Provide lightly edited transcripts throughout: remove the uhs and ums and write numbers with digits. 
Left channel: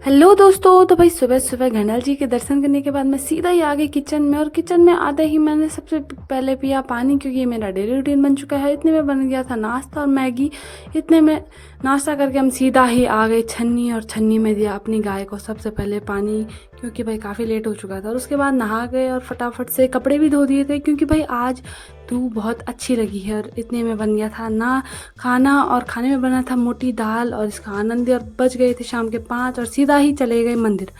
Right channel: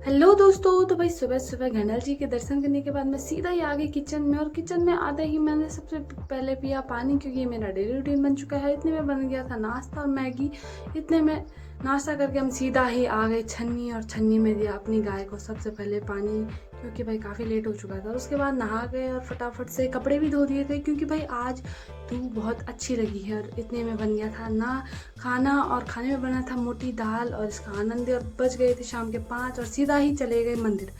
Hello दोस्तों। तो भाई सुबह सुबह घंटल जी के दर्शन करने के बाद मैं सीधा ही आ गई किचन में, और किचन में आते ही मैंने सबसे पहले पिया पानी, क्योंकि ये मेरा डेली रूटीन बन चुका है। इतने में बन गया था नाश्ता और मैगी। इतने में नाश्ता करके हम सीधा ही आ गए छन्नी, और छन्नी में दिया अपनी गाय को सबसे पहले पानी, क्योंकि भाई काफ़ी लेट हो चुका था। और उसके बाद नहा गए और फटाफट से कपड़े भी धो दिए थे, क्योंकि भाई आज धूप बहुत अच्छी लगी है। और इतने में बन गया था ना खाना, और खाने में बना था मोटी दाल और इसका आनंद। और बज गए थे शाम के 5 और सीधा ही चले गए मंदिर।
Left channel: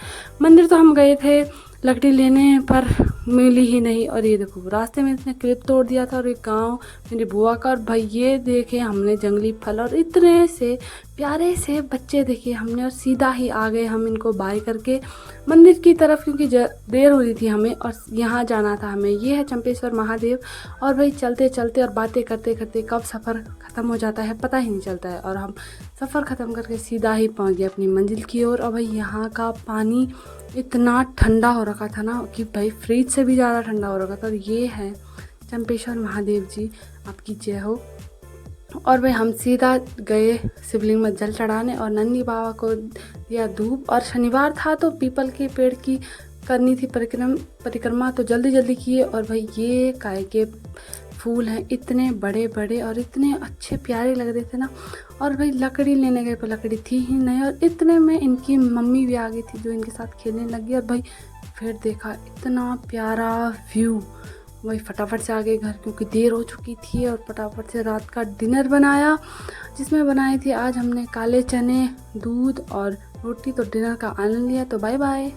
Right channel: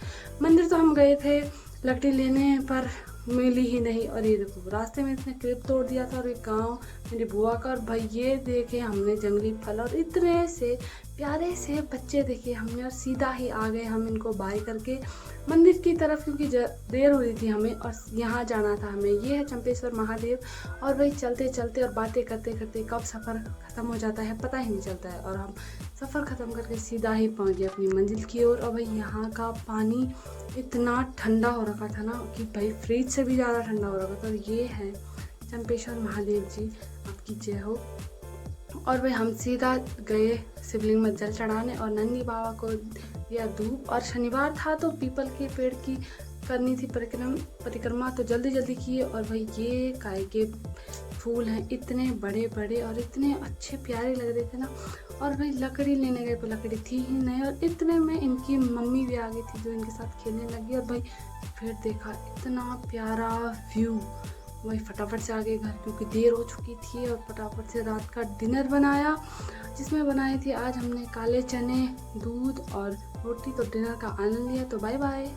मंदिर तो हम गए थे लकड़ी लेने, पर मिली ही नहीं। और ये देखो रास्ते में इसने क्लिप तोड़ दिया था, और एक गाँव मेरी बुआ का। और भाई ये देखे हमने जंगली फल और इतने से प्यारे से बच्चे देखे हमने, और सीधा ही आ गए हम इनको बाय करके मंदिर की तरफ, क्योंकि देर हो रही थी हमें और यहाँ जाना था हमें। ये है चंपेश्वर महादेव। और भाई चलते चलते और बातें करते करते कब सफ़र ख़त्म हो जाता है पता ही नहीं चलता है। और हम सफ़र ख़त्म करके सीधा ही पहुँच गए अपनी मंजिल की ओर। और भाई यहाँ का पानी इतना ठंडा हो रखा था ना, कि भाई फ्रिज से भी ज़्यादा ठंडा हो रखा था। और ये है चंपेश्वर महादेव जी, आपकी जय हो। और भाई हम सीधा गए शिवलिंग में जल चढ़ाने, और नंदी बाबा को दिया धूप। और शनिवार था तो पीपल के पेड़ की करनी थी परिक्रमा, तो जल्दी जल्दी किए। और भाई ये काय के फूल हैं, इतने बड़े बड़े और इतने अच्छे प्यारे लग रहे थे ना। और भाई लकड़ी लेने गए पर लकड़ी थी ही नहीं, और इतने में इनकी मम्मी भी आ गई थी जो इनके साथ खेलने लगी। और भाई फिर देखा इतना प्यारा व्यू, वही फटाफट से आ गए घर, क्योंकि देर हो चुकी थी। और फटाफट से रात का डिनर बनाया, जिसमें बनाई थी आज हमने काले चने, दूध और रोटी। तो डिनर का आनंद लिया। तो बाय बाय।